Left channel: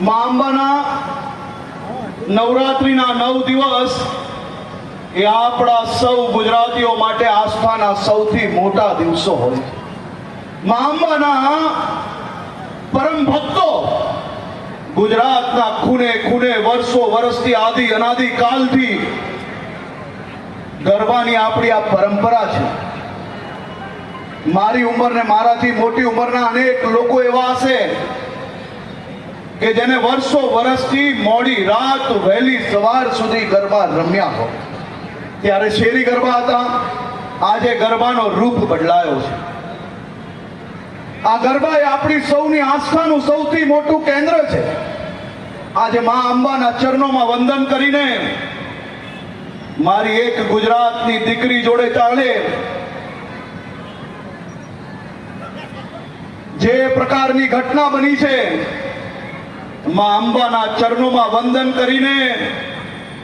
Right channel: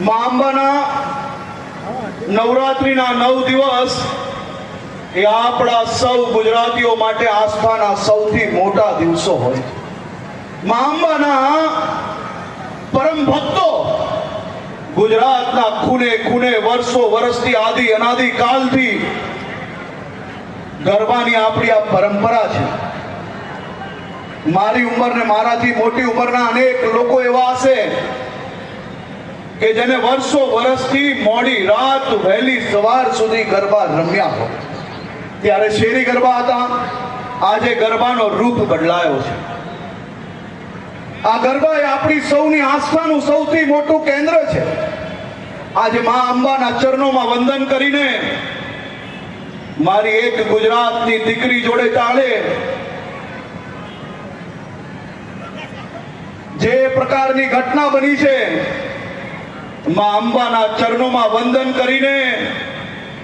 મા અંબાના નવરાત્રિના નવ દિવસ એ આપણા સૌ ગુજરાતીઓ માટે આસ્થાના સૌથી મોટા દિવસો હોય છે. મા અંબાના પરમ ભક્તો ગુજરાતના ખૂને ખૂને વર્ષો વર્ષથી આદિ અનાદિ કાલથી ગરબાની આપણી આ પરંપરા છે. મારી ઉંમર ને મારાથી મોટી ઉંમરના અનેક લોકો એવા હશે કે જેને વર્ષો વર્ષથી મોડી રાત વહેલી સવાર સુધી ગરબા રમ્યા હોય. ત્યારે શેરી ગરબા હતા? આજે ગરબાનો રૂપ બદલાયો છે. આ ગરબા એ આપણી સૌની આસ્થાનું સૌથી મોટું કેન્દ્ર છે. આજે મા અંબાના ચરણોમાં વંદન કરીને મારી એક ગુજરાતની દીકરી જોડે ચાલે. જે પ્રકારની ઘટના બની છે મા અંબાના ચરણોમાં વંદન કરીને,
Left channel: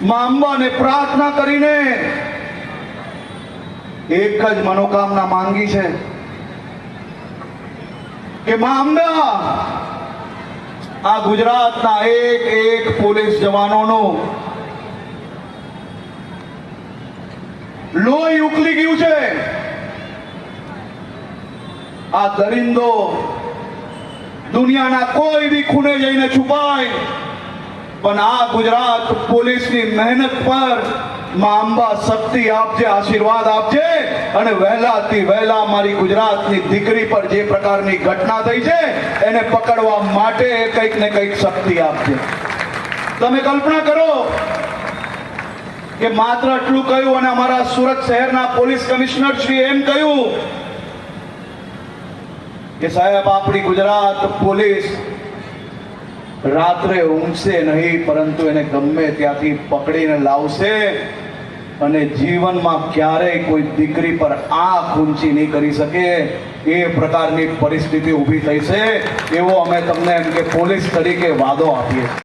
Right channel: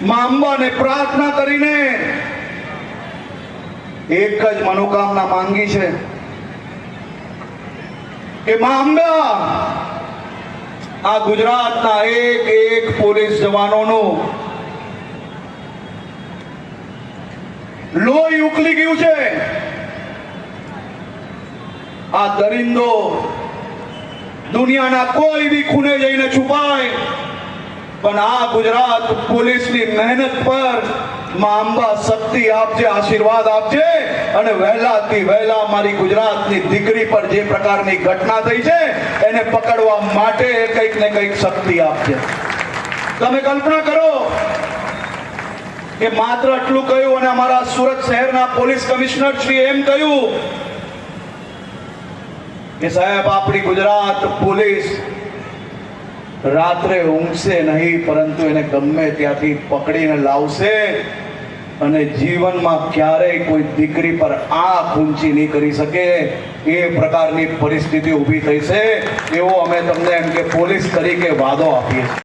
માં અંબાને પ્રાર્થના કરીને, એક જ મનોકામના માંગી છે કે માં અંબા, આ ગુજરાતના એક એક પોલીસ જવાનોનું લોહી ઉકલી ગયું છે. આ દરિંદો દુનિયાના કોઈ બી ખૂણે જઈને છુપાય. પણ આ ગુજરાત પોલીસની મહેનત પરમાં અંબા શક્તિ આપજે, આશીર્વાદ આપજે અને વહેલાથી વહેલા મારી ગુજરાતની દીકરી પર જે પ્રકારની ઘટના થઈ છે, એને પકડવા માટે કંઈક ને કંઈક શક્તિ આપજે. તમે કલ્પના કરો કે માત્ર આટલું કહ્યું અને અમારા સુરત શહેરના પોલીસ કમિશનર શ્રી એમ કહ્યું કે સાહેબ, આપણી ગુજરાત પોલીસ રાત્રે ઊંઘશે નહીં, પરંતુ એને ગમે ત્યાંથી પકડીને લાવશે અને જીવનમાં ક્યારેય કોઈ દીકરી પર આંખ ઊંચી નહીં કરી શકે, એ પ્રકારની પરિસ્થિતિ ઊભી થઈ છે એવો અમે તમને એમ કે પોલીસ તરીકે વાદો આપીએ